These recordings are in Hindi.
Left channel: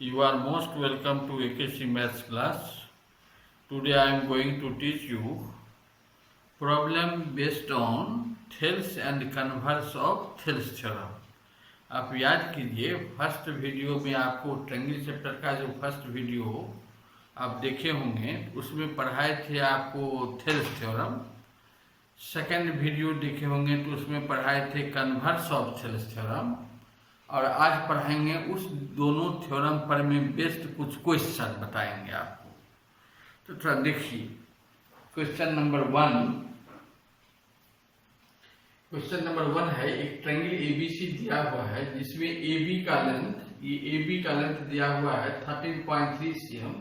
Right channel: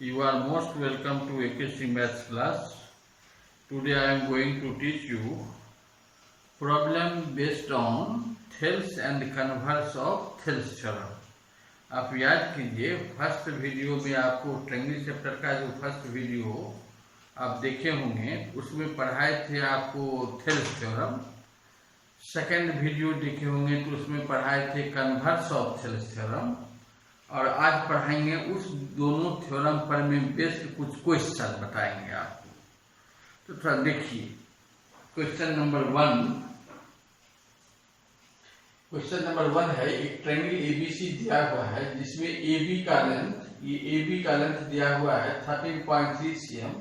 You are most welcome to AKC Maths class. Today I am going to teach you problem based on Thales and converse of Thales theorem. आप याद कीजिए फर्स्ट वीडियो में आपको ट्रायंगल चैप्टर का जो फर्स्ट वीडियो आप देखे होंगे उसमें पढ़ाए थे आपको थेल्स थ्योरम। सेकंड वीडियो देखे होंगे तो उसमें पढ़ाए थे कन्वर्स ऑफ थेल्स थ्योरम। और आज पढ़ाएंगे उस दोनों थ्योरम पर में बेस्ड कुछ क्वेश्चन बताएंगे आपको। तो थोड़ा देखिए क्वेश्चन नंबर वन है एक ट्रायंगल एबीसी दिया हुआ है जिसमें AB का लेंथ दिया हुआ है 13.3 cm,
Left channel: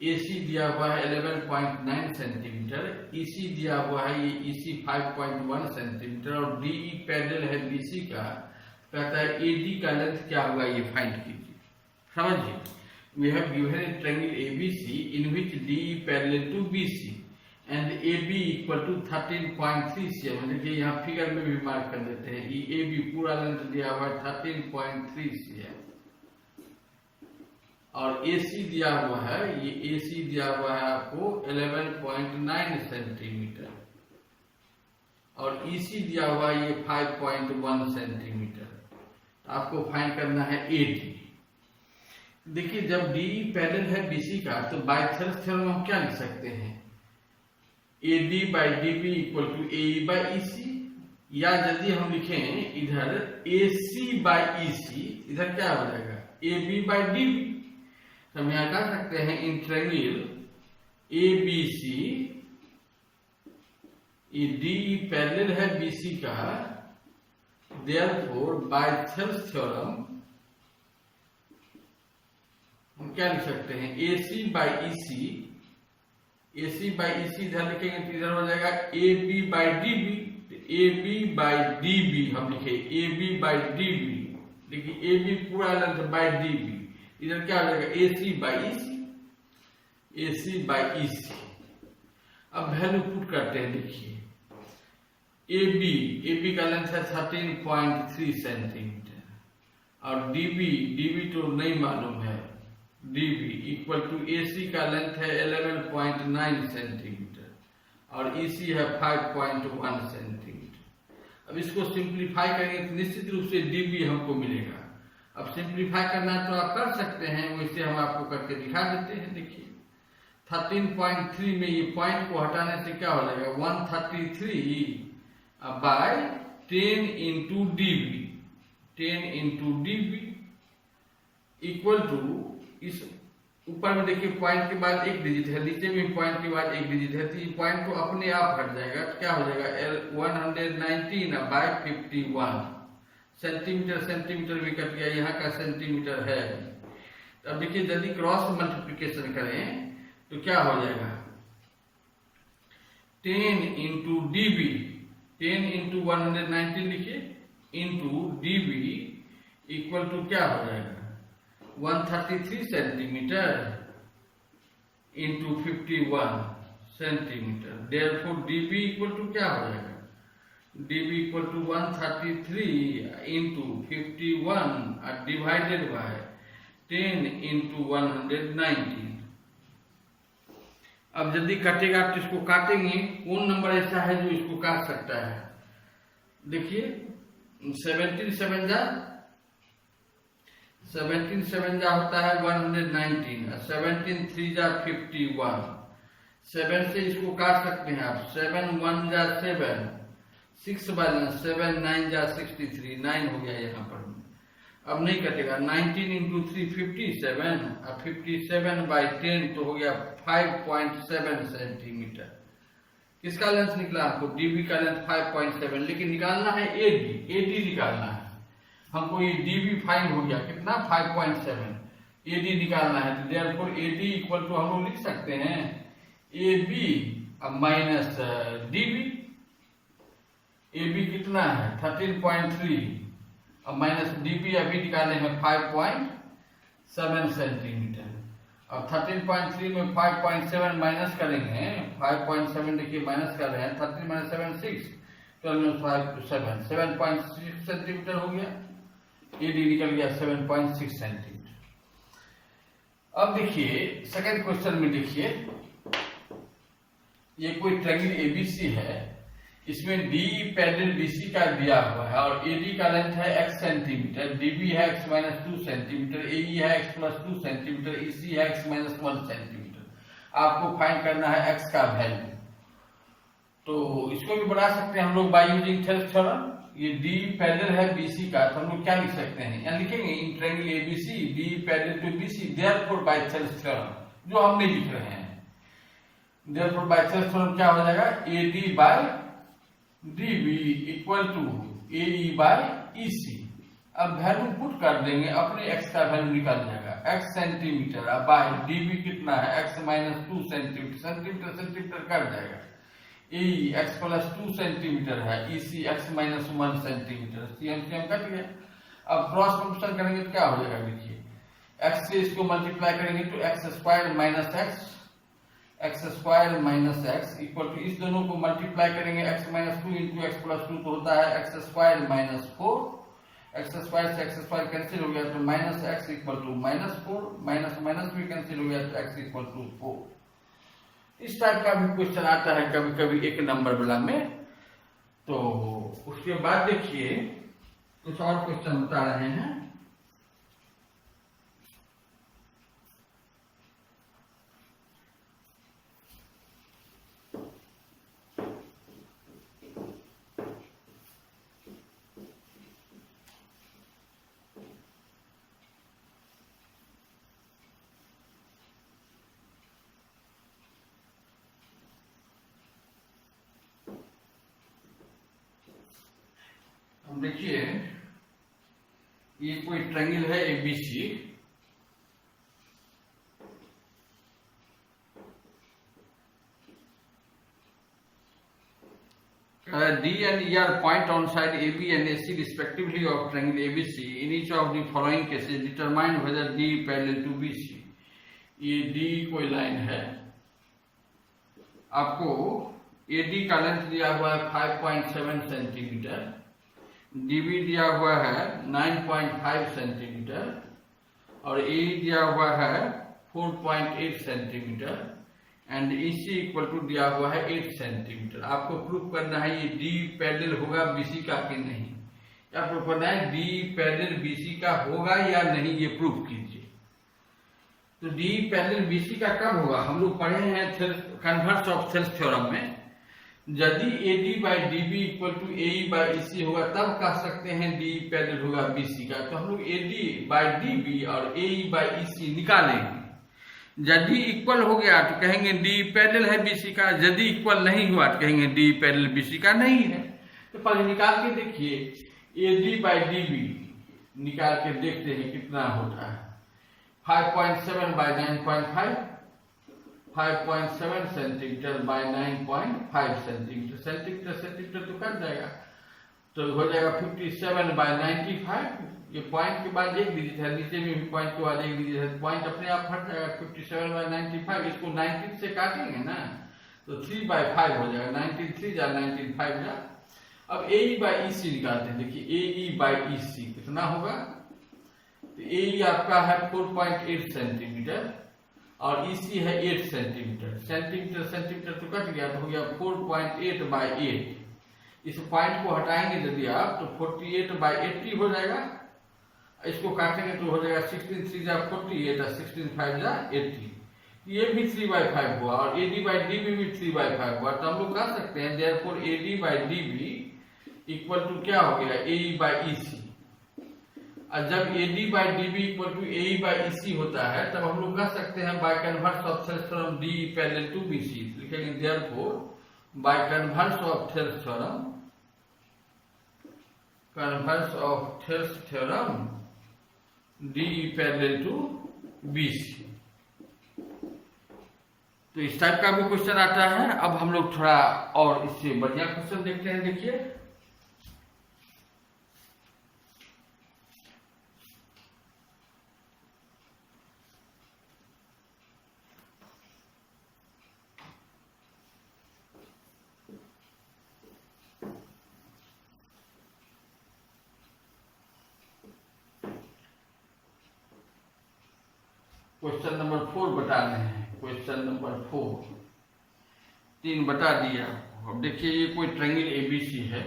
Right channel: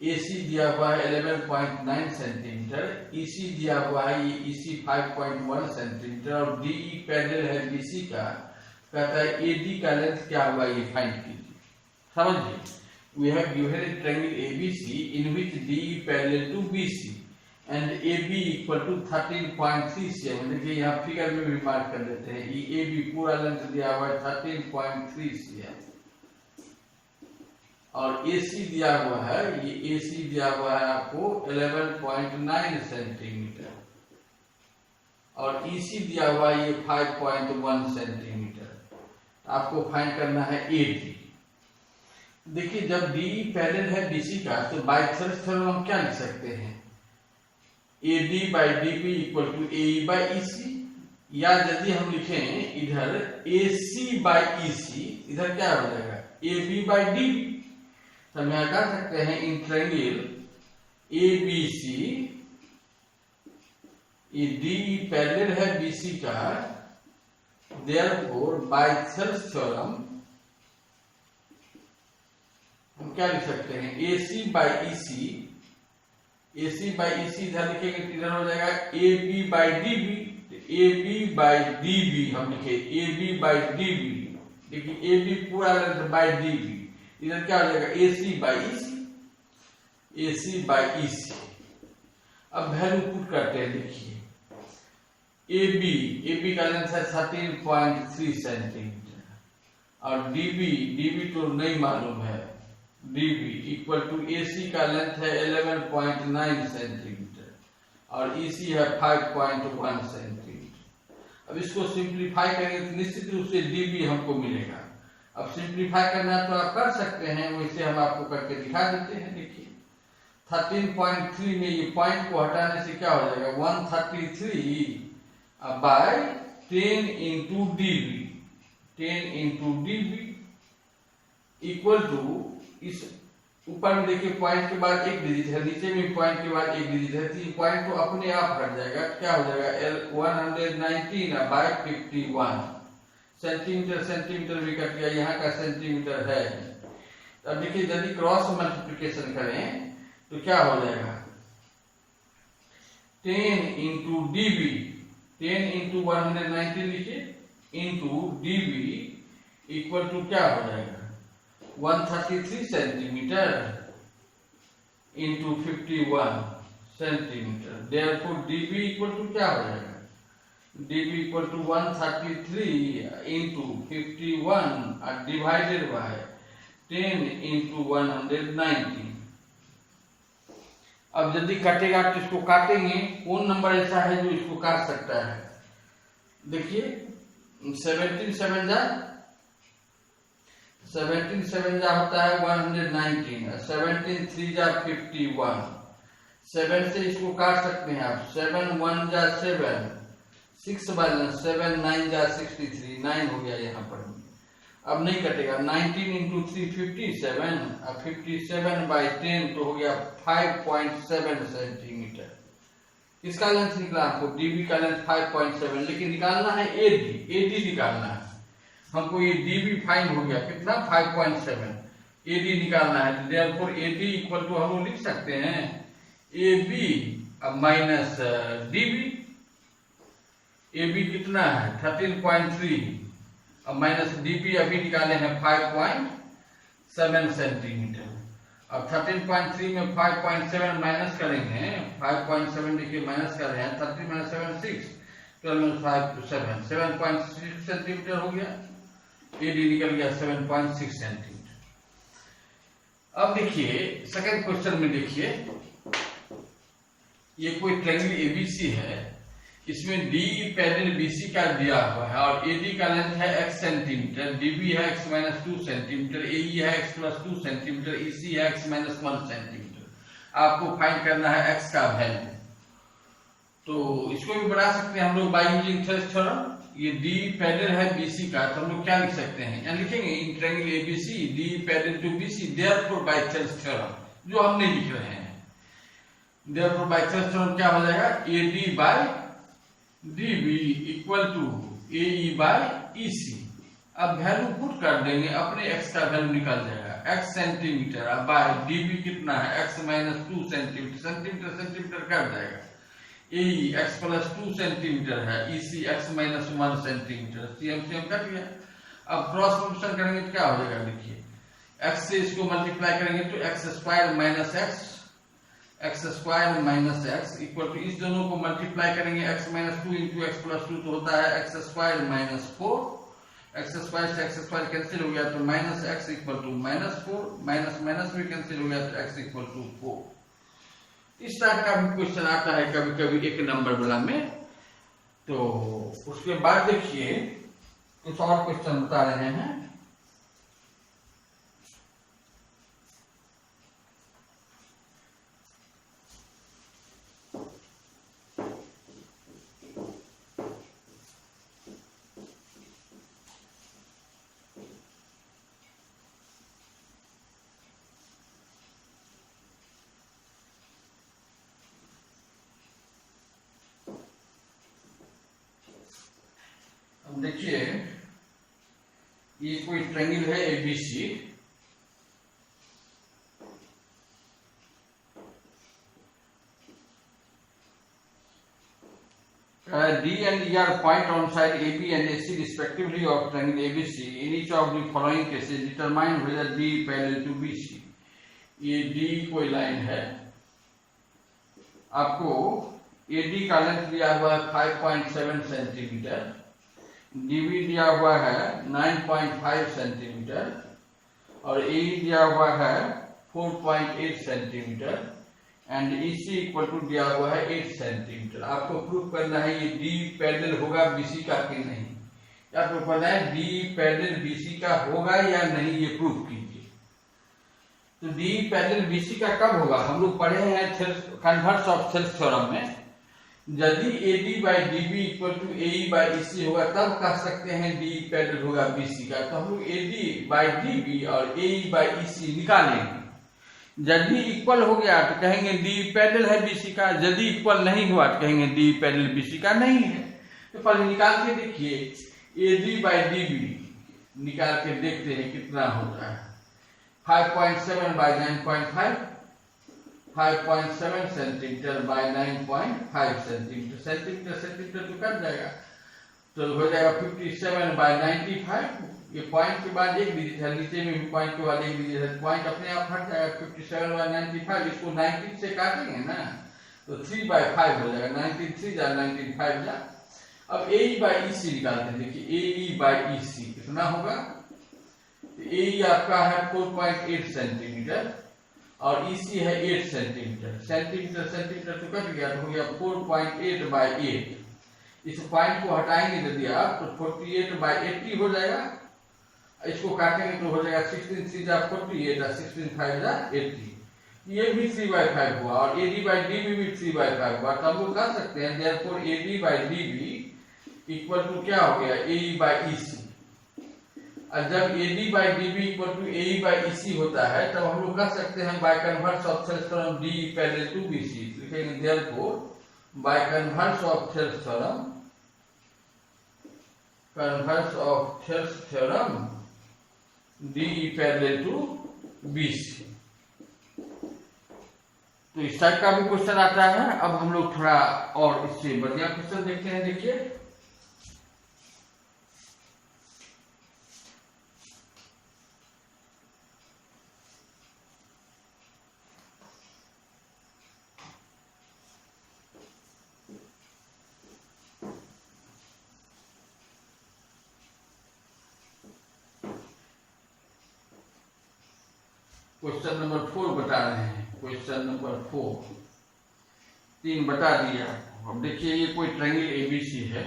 AC दिया हुआ है 11.9 सेंटीमीटर, EC दिया हुआ है ये EC 5.1 सेंटीमीटर और DE पैरेलल है BC का। कहता है AD का लेंथ क्या हुआ ये फाइंड कीजिए। समझिए, we have given a triangle ABC in which DE parallel to BC and AB equal to 13.3 cm। देखिए यहाँ फिगर में भी मार्क कर देते हैं। ये AB पूरा लेंथ दिया हुआ है 13.3 cm और AC दिया हुआ है ये AC दिया हुआ है आपको 11.9 सेंटीमीटर और EC दिया हुआ है ये 5.1 सेंटीमीटर। आपको फाइंड करना है AD। देखिए जब DE पैरेलल है BC का तो बाय थेल्स थ्योरम हम क्या लिख सकते हैं, AD by DB equal to AE by EC, या यदि हम लिखें इधर AC बाई EC, इधर क्या हो जाएगा AB बाई DB। तो हम यहाँ कह सकते हैं इन ट्रायंगल ABC ये DE पैरेलल है BC का, देयरफॉर बाय थेल्स थ्योरम हम क्या लिख सकते हैं AC by EC, AC by EC इधर लिखेंगे तो इधर हो जाएगा AB by DB। AB by DB हम लिखे AB बाई DB, देखिए AB पूरा लेंथ बाई DB, इधर क्या हो जाएगा AC by EC, AC by EC। अब वैल्यू पुट करते हैं। देखिए AB का लेंथ है 13.3 सेंटीमीटर और DB तो नहीं मालूम है, DB इक्वल टू AC का लेंथ है 11.9 सेंटीमीटर और EC है 5.1 सेंटीमीटर। अब इसको सिंप्लीफाई करेंगे तो निश्चित रूप से DB हमको मिलेगा। अब सिंप्लीफाई करना है तो आप कर सकते हैं, वैसे हम आपको करके दिखा देते हैं। देखिए 13.3 में ये पॉइंट को हटाने से क्या हो जाएगा 133 by 10 into DB, 10 into DB equal to, इस ऊपर में देखिए पॉइंट के बाद एक डिजिट है, नीचे में पॉइंट के बाद एक डिजिट है, तो ये पॉइंट को अपने आप हट जाएगा। क्या हो जाएगा 119 बाय 51 सेंटीमीटर भी कट गया, यहाँ का सेंटीमीटर है। अब देखिए यदि क्रॉस मल्टीप्लिकेशन करें तो क्या हो जाएगा 10 इंटू DB, 10 इंटू 190 लिखिए इंटू DB इक्वल टू क्या हो जाएगा 133 centimetre into 51 centimetre. Therefore DB equal to क्या हो जाएगा DB equal to 133 into 51 divided by 10 into 190। अब यदि काटेगा तो इसको काटेंगे, कौन नंबर ऐसा है जो इसको काट सकता है। देखिए 17 7 जा होता है 119, 17 3 जा 51, 7 से इसको काट सकते हैं आप। 7 1 जा 7, 6 बैलेंस 7 9 जा 63, 9 हो गया यहाँ पर। अब नहीं कटेगा 19 इंटू 3 57, अब 57 बाई 10 तो हो गया 5.7 सेंटीमीटर। किसका लेंथ निकला आपको DB का लेंथ 5.7, लेकिन निकालना है AD निकालना है हमको। ये DB फाइंड हो गया कितना 5.7, AD निकालना है। तो देयरफॉर AD इक्वल टू हम लोग लिख सकते हैं AB माइनस DB। AB कितना है 13.3 और माइनस DB अभी निकाले हैं 5.7 सेंटीमीटर। अब 13.3 में 5.7 माइनस करेंगे, 5.7 देखिए माइनस कर रहे हैं, 30 माइनस 7 6, 12 5 7, 7.6 सेंटीमीटर हो गया। AD निकल गया 7.6 सेंटीमीटर। अब देखिए सेकंड क्वेश्चन में देखिए, ये कोई ट्रायंगल एबीसी है, इसमें डी पैरेलल बीसी का दिया हुआ है और एडी का लेंथ है x सेंटीमीटर, डीबी है x - 2 सेंटीमीटर, एई है x + 2 सेंटीमीटर, ईसी है x - 1 सेंटीमीटर। आपको फाइंड करना है x का वैल्यू। तो इसको भी बना सकते हैं हम लोग बाय यूजिंग थेल्स थ्योरम। ये डी पैरेलल है बीसी का, तो हम लोग क्या लिख सकते हैं, यहाँ लिखेंगे in triangle ABC D parallel to BC therefore by Thales theorem, जो हमने लिख रहे हैं। देयरफॉर बाय थेल्स थ्योरम क्या हो जाएगा, AD by DB equal to AE by EC. अब वैल्यू पुट कर देंगे, अपने x का वैल्यू निकल जाएगा, x सेंटीमीटर, अब बाय डीबी कितना है x - 2 centimetre, centimetre centimetre cut जाएगा, एई x + 2 सेंटीमीटर है, EC x - 1 centimetre, CM cut गया। अब क्रॉस मल्टीप्लिकेशन करेंगे तो क्या हो जाएगा, देखिए x से इसको मल्टीप्लाई करेंगे तो x² - x इक्वल टू, इस दोनों को मल्टीप्लाई करेंगे x - 2 × x + 2 तो होता है x² - 4, x² से x² कैंसिल हो गया तो -x इक्वल टू -4, माइनस भी कैंसिल हो गया तो x इक्वल टू 4। इस टाइप का भी क्वेश्चन आता है कभी कभी एक नंबर वाला में। तो उसके बाद देखिए कुछ और क्वेश्चन बता रहे हैं। देखिए ये कोई ट्रायंगल है ABC, D and E are point on side AB and AC respectively of triangle ABC. In each of the following cases, determine whether D parallel to BC. ये D कोई लाइन है, आपको AD का लेंथ दिया हुआ है 5.7 सेंटीमीटर, DB दिया हुआ है 9.5 सेंटीमीटर और AE दिया हुआ है 4.8 centimetre and EC equal to दिया हुआ है 8 सेंटीमीटर। आपको प्रूफ करना है ये D पैरेलल होगा BC का कि नहीं, आपको पता है D पैरेलल BC का होगा या नहीं, ये प्रूफ कीजिए। तो D पैरेलल BC का कब होगा, हम लोग पढ़े हैं कन्वर्स ऑफ थेल्स थ्योरम में, यदि AD by DB equal to AE by EC होगा तब कह सकते हैं D पैरेलल होगा BC का। तो हम लोग AD बाई DB और AE बाई EC निकालेंगे, यदि इक्वल हो गया तो कहेंगे D पैरेलल है BC का, यदि इक्वल नहीं हुआ तो कहेंगे D पैरेलल BC का नहीं है। तो पहले निकाल के देखिए, AD बाई DB निकाल के देखते हैं कितना होता है, 5.7 by 9.5, 5.7 centimetre by 9.5 centimetre, centimetre तो कट जाएगा, तो हो जाएगा 57 बाई 95। ये पॉइंट के बाद एक डिजिट है, नीचे में भी पॉइंट के बाद एक डिजिट है, पॉइंट अपने आप हट जाएगा, 57 बाई 95, इसको 19 से काटेंगे ना तो 3/5 हो जाएगा, 19 3 जा 19 5 जा। अब AE बाई EC निकालते हैं, देखिए AE बाई EC कितना होगा, तो AE आपका है 4.8 सेंटीमीटर और EC है 8 सेंटीमीटर, सेंटीमीटर तो कट गया तो हो गया 4.8 बाई 8। इस पॉइंट को हटाएंगे यदि आप तो 48 बाई 80 हो जाएगा, इसको काटेंगे तो हो जाएगा 16 3 जा 48 और 16 5 जा 80, ये भी 3/5 हुआ और AD बाई DB भी 3/5 हुआ। तो हम लोग कह सकते हैं therefore AD by DB equal to क्या हो गया, AE बाई EC। और जब AD by DB equal to AE by EC होता है तब हम लोग कह सकते हैं by converse of Thales theorem D parallel to BC, लिखेंगे therefore by converse of Thales theorem, converse of Thales theorem D parallel to BC। तो इस टाइप का भी क्वेश्चन आता है। अब हम लोग थोड़ा और इससे बढ़िया क्वेश्चन देखते हैं, देखिए क्वेश्चन नंबर 4 बता रहे हैं। क्वेश्चन नंबर 4 3 बता दिया आपको। अब देखिए ये कोई ट्रायंगल एबीसी है।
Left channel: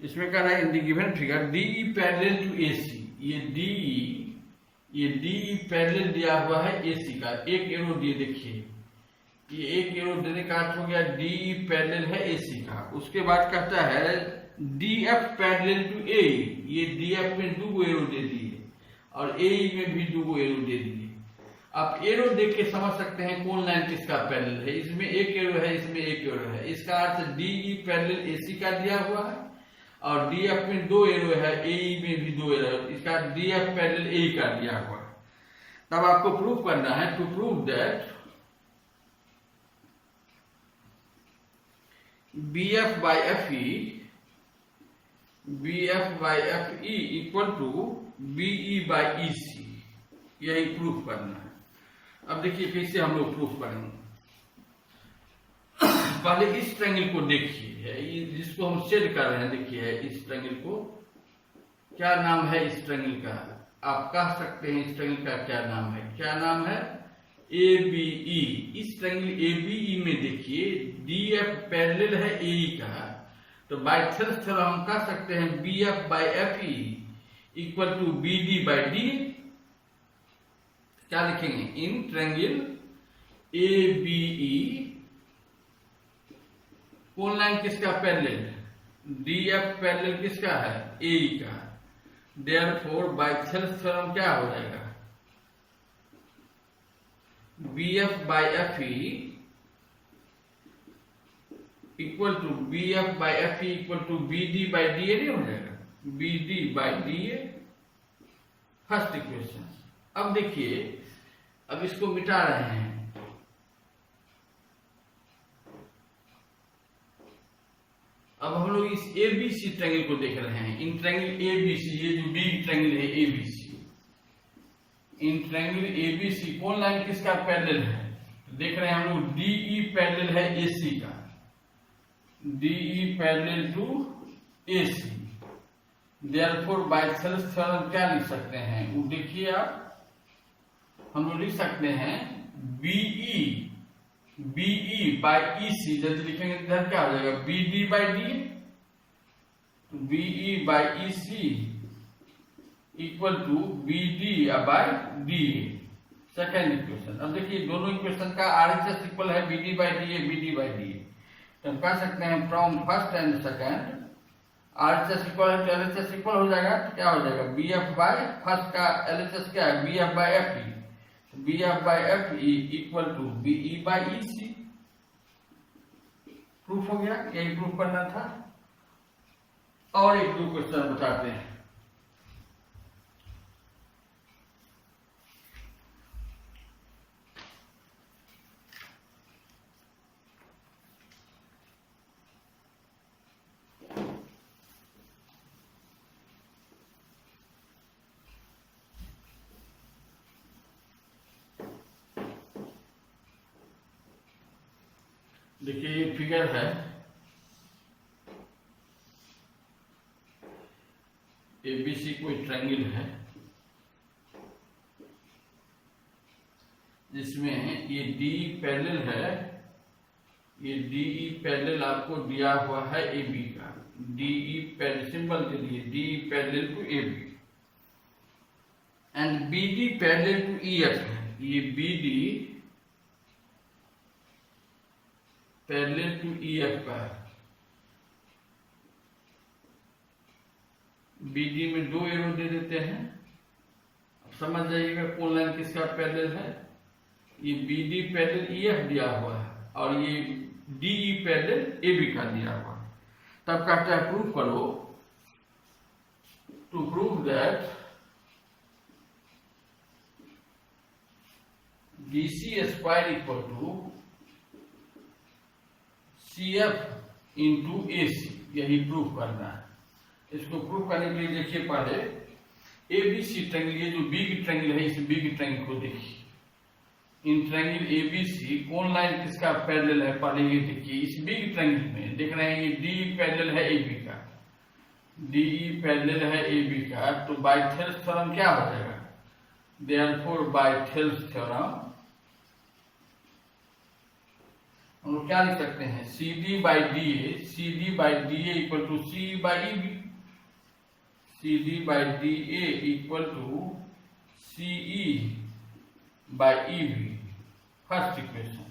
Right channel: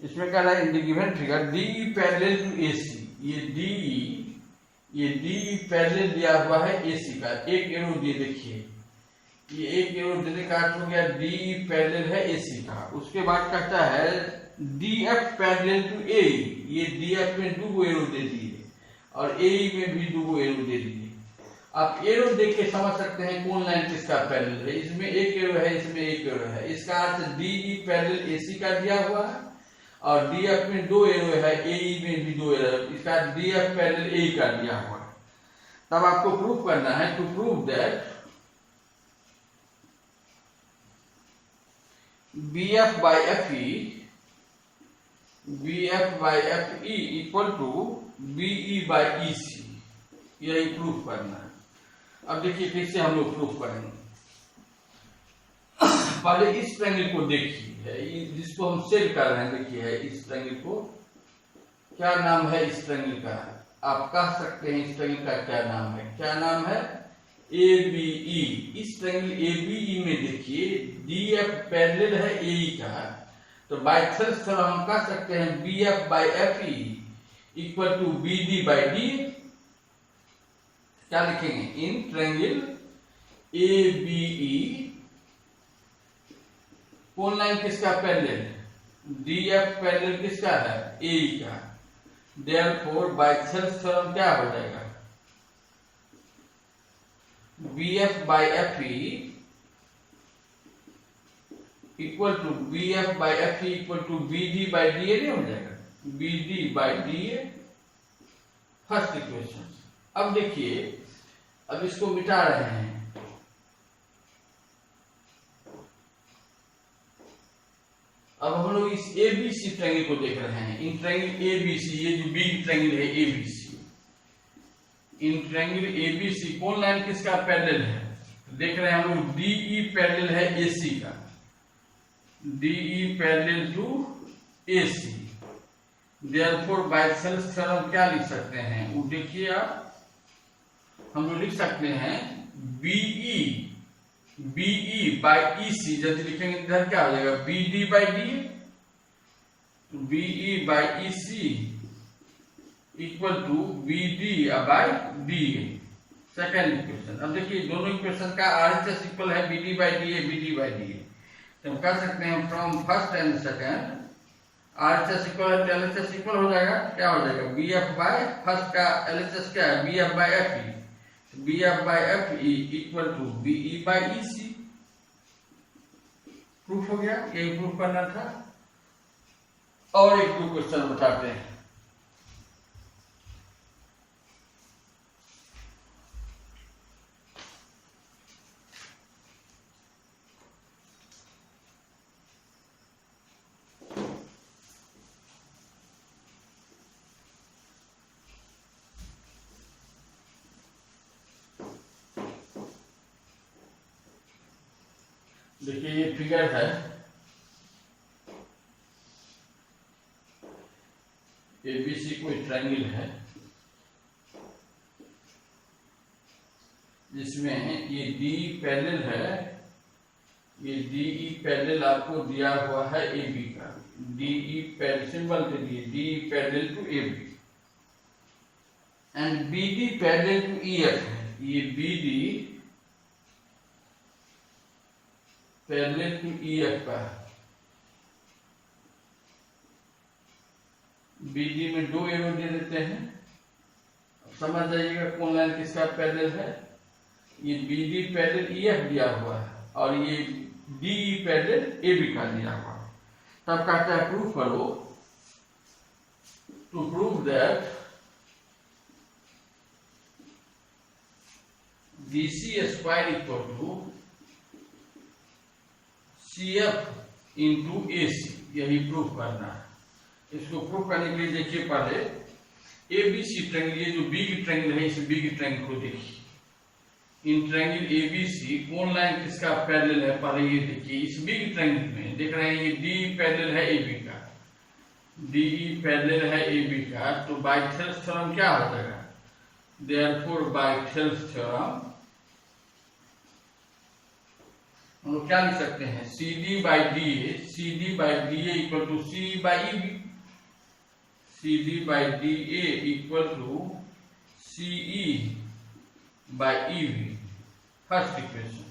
इसमें कह रहा है in the given figure DE parallel to AC। ये DE पैरेलल दिया हुआ है AC का। एक एरो दिए, देखिए ये एक एरो देने का अर्थ हो गया DE पैरेलल है AC का। उसके बाद कहता है DF पैरेलल टू AE। ये DF में 2 एरो दे दिए और AE में भी 2 एरो दे दिए। आप एरो देख के समझ सकते हैं कौन लाइन किसका पैरेलल है। इसमें एक एरो है, इसमें एक एरो है। इसका अर्थ DE पैरेलल AC का दिया हुआ है और DF में 2 एरो है, AE में भी 2 एरो है। इसका DF पैरेलल AE का दिया हुआ है। तब आपको प्रूफ करना है, to prove that BF by FE equal to BE by EC। यही प्रूफ करना है। अब देखिए कैसे हम लोग प्रूफ करेंगे। पहले इस ट्रायंगल को देखिए, जिसको हम शेड कर रहे हैं। देखिए इस ट्रायंगल को, क्या नाम है इस ट्रायंगल का? आप कह सकते हैं इस ट्रायंगल का क्या नाम है? क्या नाम है? ABE। इस ट्रायंगल ABE में देखिए DF पैरेलल है AE का, तो बाय थ्योरम हम कह सकते हैं BF by FE equal to BD by DA। क्या लिखेंगे? इन ट्रायंगल ABE कौन लाइन किसका पैरेलल? DF पैरेलल किसका है? AE का। देयरफॉर बाय थ्योरम क्या हो जाएगा? BF by FE equal to BD by DA नहीं हो जाएगा? BD by DA first equation. अब देखिए, अब इसको मिटा रहे हैं। अब हम लोग इस ABC ट्रायंगल को देख रहे हैं। इन ट्रायंगल ABC, ये जो बिग ट्रायंगल है ABC, इन ट्रायंगल ABC कौन लाइन किसका पैरेलल है? तो देख रहे हैं हम लोग DE पैरेलल है AC का। DE parallel to AC। Therefore by theorem क्या लिख सकते हैं? वो देखिए आप, हम लोग लिख सकते हैं BE by EC। जब लिखेंगे इधर क्या हो जाएगा? BD by DA। BE by EC equal to BD by DA second equation. अब देखिए दोनों इक्वेशन का RHS इक्वल है BD by DA। तो हम कह सकते हैं from first and second RHS equal है, LHS इक्वल हो जाएगा। क्या हो जाएगा? BF by फर्स्ट का LHS क्या है? BF by FE। BF by FE equal to BE by EC। Proof हो गया। यही प्रूफ करना था। और एक दो क्वेश्चन बताते हैं। देखिए ये फिगर है, ABC कोई ट्रायंगल है जिसमें ये DE पैरेलल है। ये DE पैरेलल आपको दिया हुआ है AB का। DE पैरेलल सिंबल दे दिए, DE parallel to AB and BD parallel to EF है। ये BD पैरेलल टू EF का है। BD में 2 एरो दे देते हैं। अब समझ जाइएगा कौन लाइन किसका पैरेलल है। ये BD पैरेलल EF दिया हुआ है और ये DE पैरेलल AB का दिया हुआ है। तब कहता है प्रूफ करो, to prove that DC square equal to CF into AC, यही प्रूफ करना है। इसको प्रूफ करने के लिए देखिए पहले ABC ट्रायंगल, ये जो बिग ट्रायंगल है, इस बिग ट्रायंगल को देखिए। इन ट्रायंगल ABC कौन लाइन किसका पैरेलल है, पहले ये देखिए। इस बिग ट्रायंगल में देख रहे हैं ये D पैरेलल है AB का, DE पैरेलल है AB का, तो बाय थेल्स थ्योरम क्या हो जाएगा, देयरफॉर बाय थेल्स थ्योरम हम लोग क्या लिख सकते हैं, CD by DA equal to C by EB, CD by DA equal to CE by EB, first equation.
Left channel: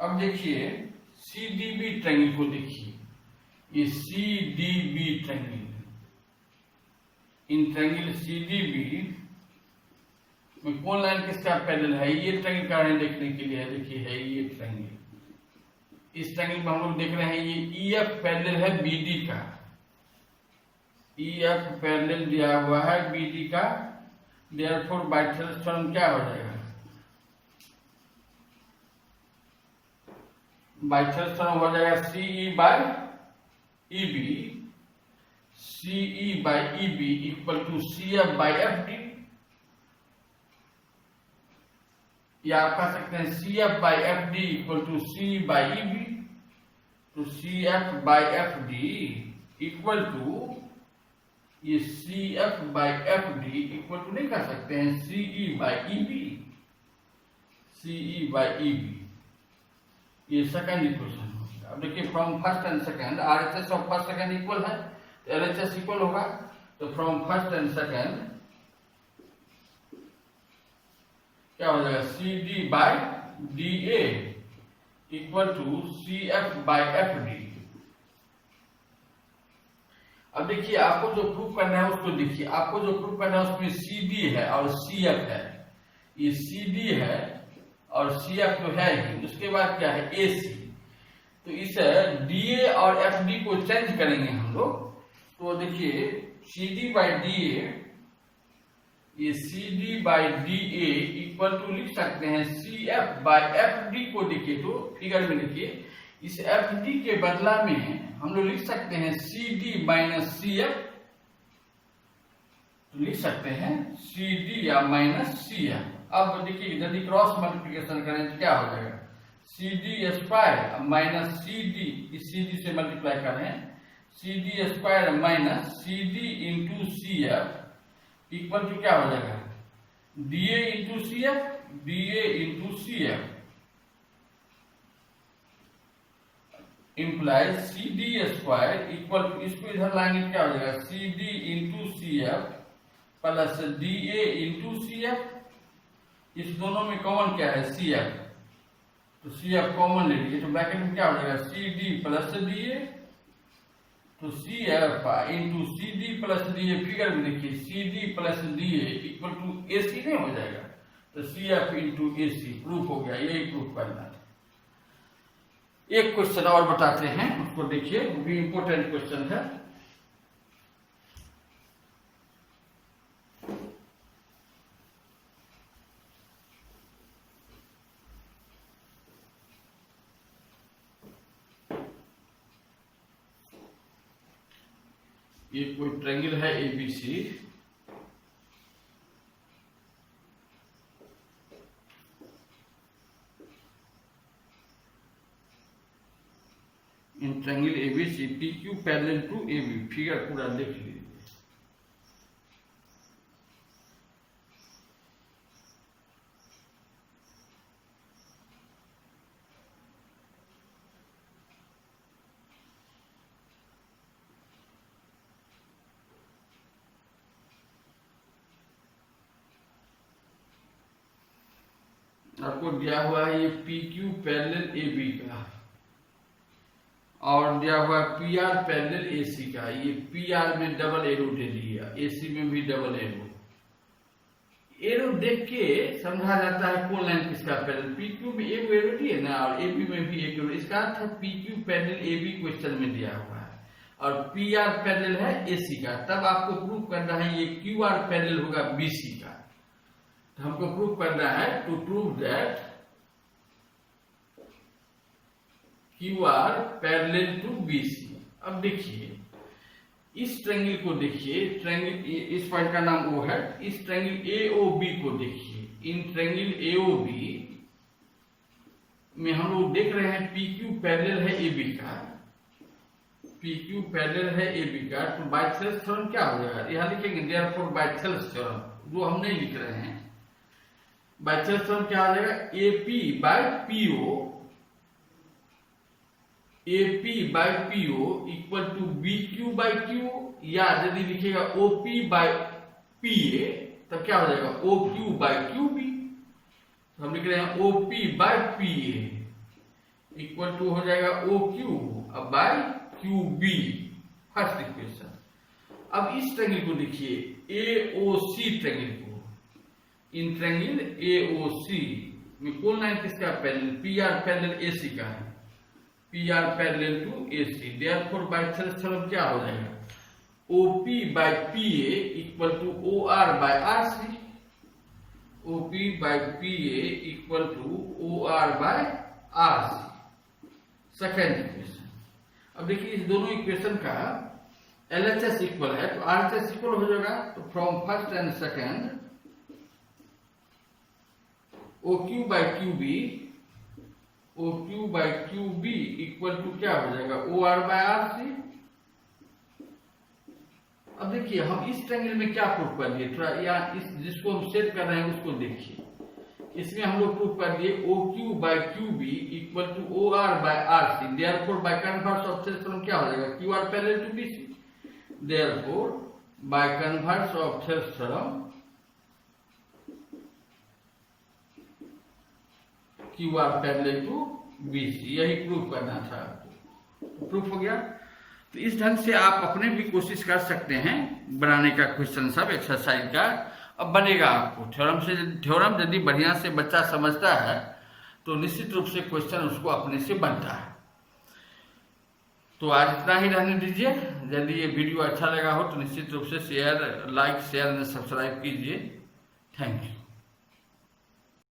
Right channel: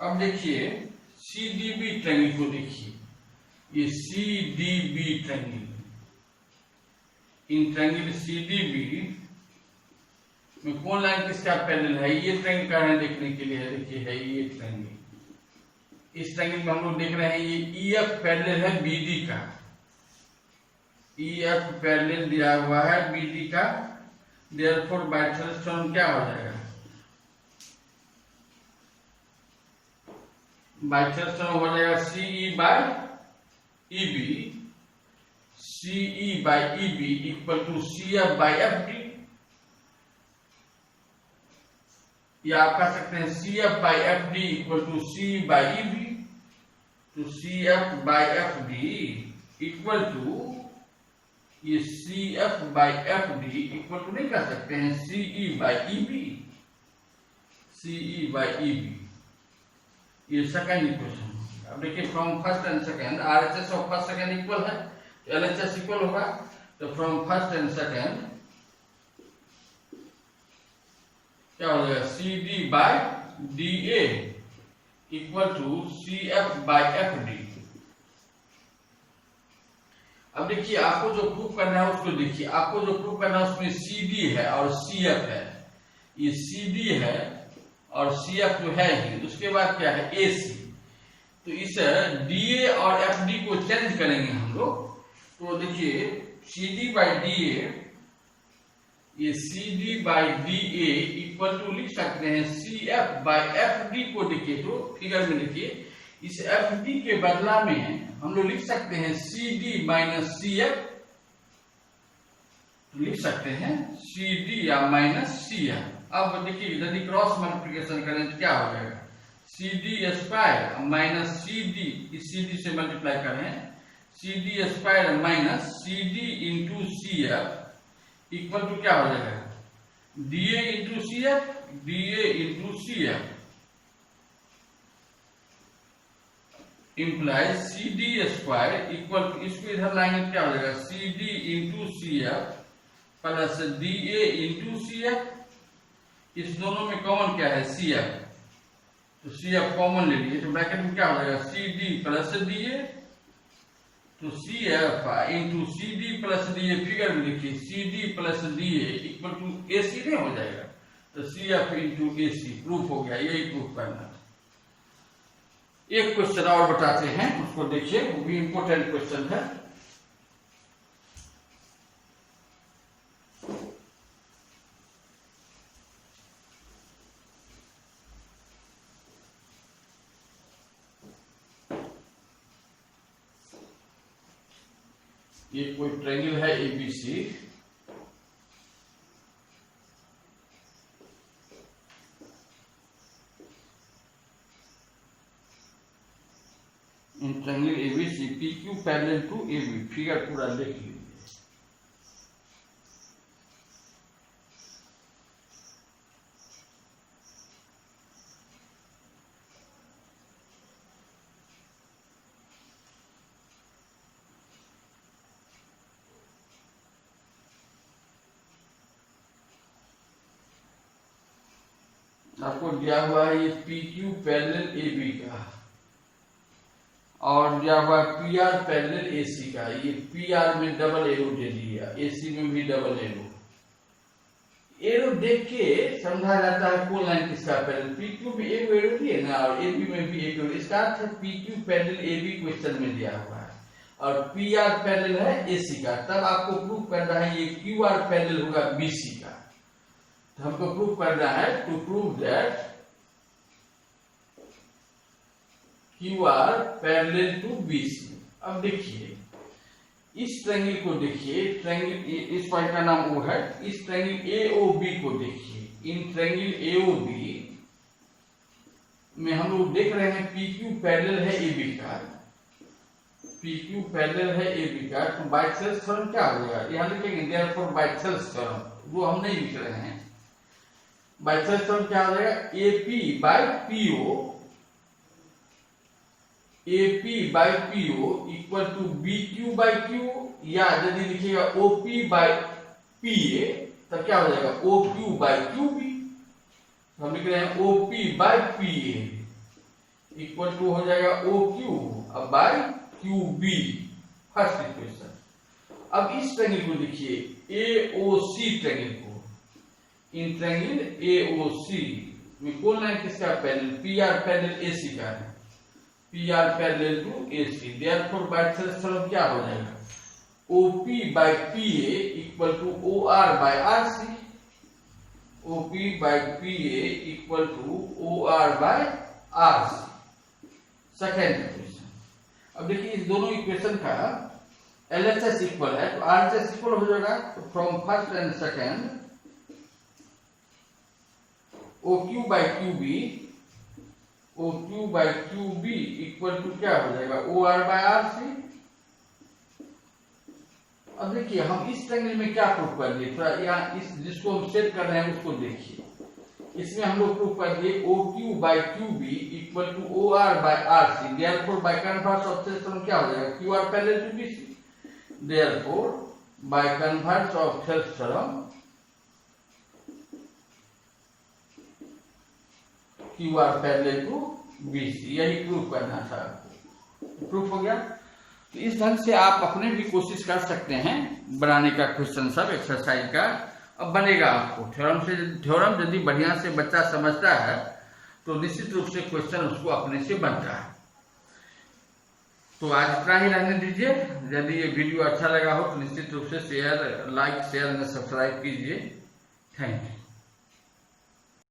अब देखिए CDB ट्रायंगल को देखिए, ये CDB triangle, in triangle CDB में कौन लाइन किसका पैरेलल है, ये ट्रायंगल का है देखने के लिए है, देखिए है ये ट्रायंगल। इस ट्रायंगल में हम लोग देख रहे हैं ये EF पैरेलल है BD का, EF पैरेलल दिया हुआ है BD का, देयरफॉर बाय थेल्स थ्योरम क्या हो जाएगा, बाय थेल्स थ्योरम हो जाएगा CE by EB, CE by EB equal to CF by FD, या आप कह सकते हैं CF by FD equal to C by EB, तो CF by FD equal to ये CF by FD equal to नहीं कह सकते हैं CE by EB, CE by EB, ये सेकंड इक्वेशन। अब देखिए from first and second RHS of first second equal है तो LHS इक्वल होगा, तो फ्रॉम फर्स्ट एंड सेकंड क्या हो जाएगा, CD by DA equal to CF by FD। अब देखिए आपको जो प्रूफ करना है उसको देखिए, आपको जो प्रूफ करना है उसमें CD है और CF है, ये CD है और CF जो है ही, उसके बाद क्या है AC, तो इस DA और FD को चेंज करेंगे हम लोग, तो देखिए CD बाई DA, ये CD by DA equal to लिख सकते हैं CF बाई FD को देखिए, तो फिगर में देखिए इस FD के बदला में हम लोग लिख सकते हैं CD माइनस CF, तो लिख सकते हैं CD या माइनस CF। अब देखिए यदि क्रॉस मल्टीप्लिकेशन करें तो क्या हो जाएगा, CD स्क्वायर माइनस CD, इस CD से मल्टीप्लाई कर रहे हैं, CD square minus CD into CF equal to क्या हो जाएगा, DA into CF, DA into CF implies CD square equal to, इसको इधर लाएंगे क्या हो जाएगा, CD into CF plus DA into CF, इस दोनों में कॉमन क्या है CF, तो CF कॉमन ले लीजिए, तो ब्रैकेट में क्या हो जाएगा CD प्लस DA, तो CF into CD plus DA, figure में देखिए CD plus DA equal to AC नहीं हो जाएगा, तो CF इंटू AC प्रूफ हो गया, यही प्रूफ करना था। एक क्वेश्चन और बताते हैं, उसको देखिए, वो भी इंपॉर्टेंट क्वेश्चन है। ये कोई ट्रायंगल है ABC, in triangle ABC PQ parallel to AB, figure पूरा देख लीजिए। आपको दिया हुआ है ये PQ पैरेलल AB का, और दिया हुआ है PR पैरेलल AC का, ये PR में डबल एरो दे दिया, AC में भी डबल एरो। एरो देख के समझा जाता है कौन लाइन किसका पैरेलल, PQ में एक एरो दिए ना और AB में भी एक एरो, इसका अर्थ है PQ पैरेलल AB क्वेश्चन में दिया हुआ है और PR पैरेलल है AC का, तब आपको प्रूफ करना है ये QR पैरेलल होगा BC का। तो हमको प्रूव करना है to prove that Q R parallel to BC। अब देखिए इस ट्रायंगल को देखिए, ट्रायंगल इस पॉइंट का नाम O है, इस ट्रायंगल AOB को देखिए। इन ट्रायंगल AOB में हम लोग देख रहे हैं PQ पैरेलल है AB का, PQ पैरेलल है AB का, तो बायसेल्स थ्योरम क्या हो जाएगा, यहाँ लिखेंगे देयरफॉर बायसेल्स थ्योरम, जो हम नहीं लिख रहे हैं। बायसेल्स थ्योरम क्या हो जाएगा, AP by PO, AP by PO equal to BQ by Q, या यदि लिखिएगा OP बाय PA तब क्या हो जाएगा OQ बाय QB। हम लिख रहे हैं OP by PA equal to हो जाएगा OQ अब बाय QB, फर्स्ट इक्वेशन। अब इस ट्रायंगल को देखिए AOC ट्रायंगल को, इन ट्रायंगल AOC में कौन लाइन किसका पैरेलल, PR पैरेलल AC का है, PR parallel to AC, therefore bisectors theorem क्या हो जाएगा, OP by PA equal to OR by RC, OP by PA equal to OR by RC, second equation. अब देखिए इस दोनों इक्वेशन का LHS इक्वल है तो RHS इक्वल हो जाएगा, तो from first and second OQ by QB, OQ by QB equal to क्या हो जाएगा OR बाय RC। अब देखिए हम इस ट्रायंगल में क्या प्रूफ कर दिए, थोड़ा यहाँ इस जिसको हम सेट कर रहे हैं उसको देखिए। इसमें हम लोग प्रूफ कर दिए OQ by QB equal to OR by RC, therefore by converse of theorem क्या हो जाएगा QR parallel to BC, therefore by converse of theorem QR parallel to BC, यही प्रूफ करना था आपको। प्रूफ हो गया। तो इस ढंग से आप अपने भी कोशिश कर सकते हैं बनाने का क्वेश्चन सब एक्सरसाइज का, अब बनेगा आपको थ्योरम से। थ्योरम यदि बढ़िया से बच्चा समझता है तो निश्चित रूप से क्वेश्चन उसको अपने से बनता है। तो आज इतना ही रहने दीजिए। यदि ये वीडियो अच्छा लगा हो तो निश्चित रूप से share, like, share and subscribe कीजिए। Thank you.